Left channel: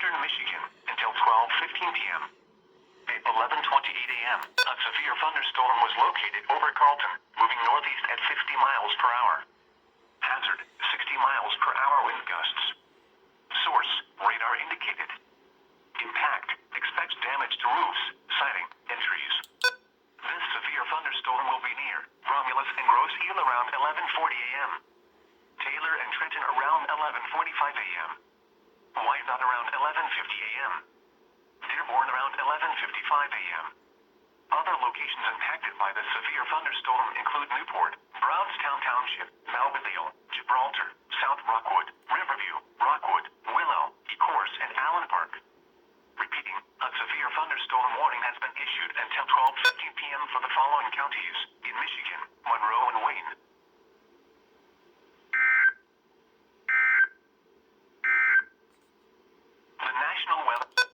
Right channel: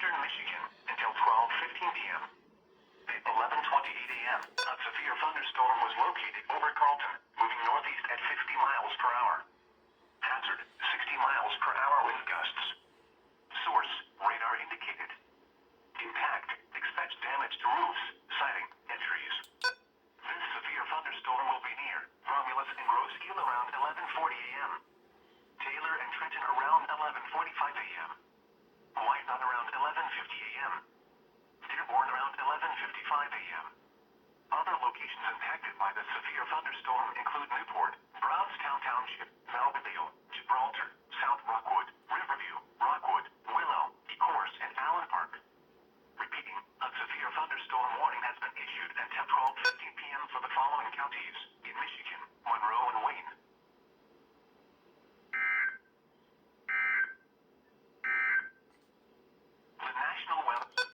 eastern Michigan until 12:15 p.m. At 11:28 a.m., a severe thunderstorm was located over Carlton, moving northeast at 60 miles per hour. Hazard, 60 miles per hour wind gusts. Source, radar indicated. Impact, expects damage to roofs, siding, and trees. This severe thunderstorm will be near Romulus and Grosse Ile around 11:40 a.m. Taylor and Trenton around 11:45 a.m. Wyandotte around 11:50 a.m. Dearborn around 11:55 a.m. Other locations impacted by the severe thunderstorm include Newport, Brownstown Township, Melville, Gibraltar, South Rockwood, Riverview, Rock